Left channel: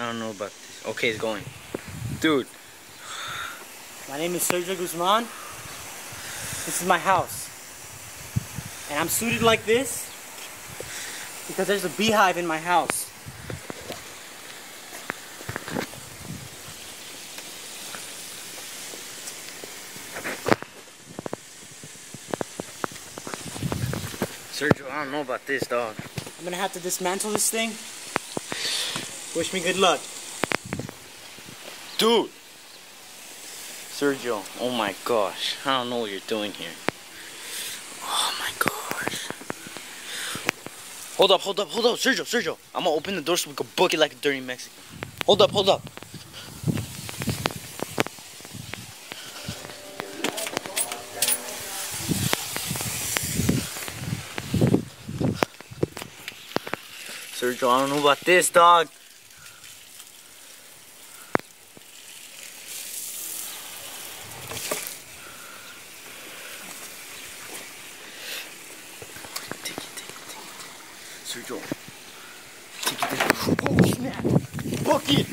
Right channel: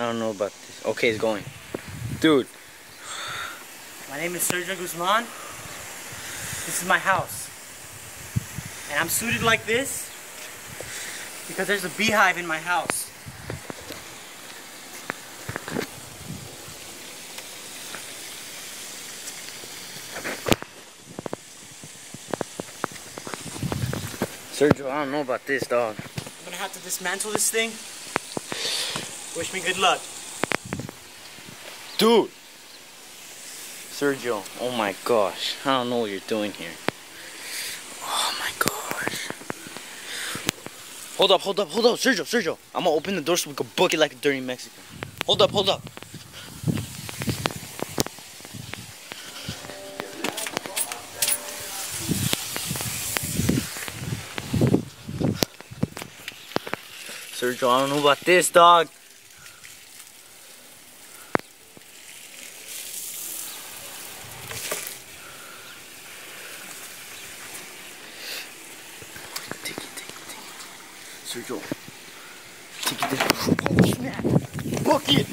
I don't know about this. Okay, it's going. Dude. My name is Sergio Guzman. This is my house. And I'm suited like this because there's a beehive in my house. Sergio, I don't know about this, dog. I'm gonna have to dismantle this thing. Wish me good luck. Dude! Sergio, oh my gosh. I don't know what you're doing here. Oh my gosh. Hold up, Sergio. I'm gonna open the door so we can book it like a dirty Mexican. Hold up. Sergio, I don't know about this, dog. Take it. Sergio. Take it. Oh, snap. Book it.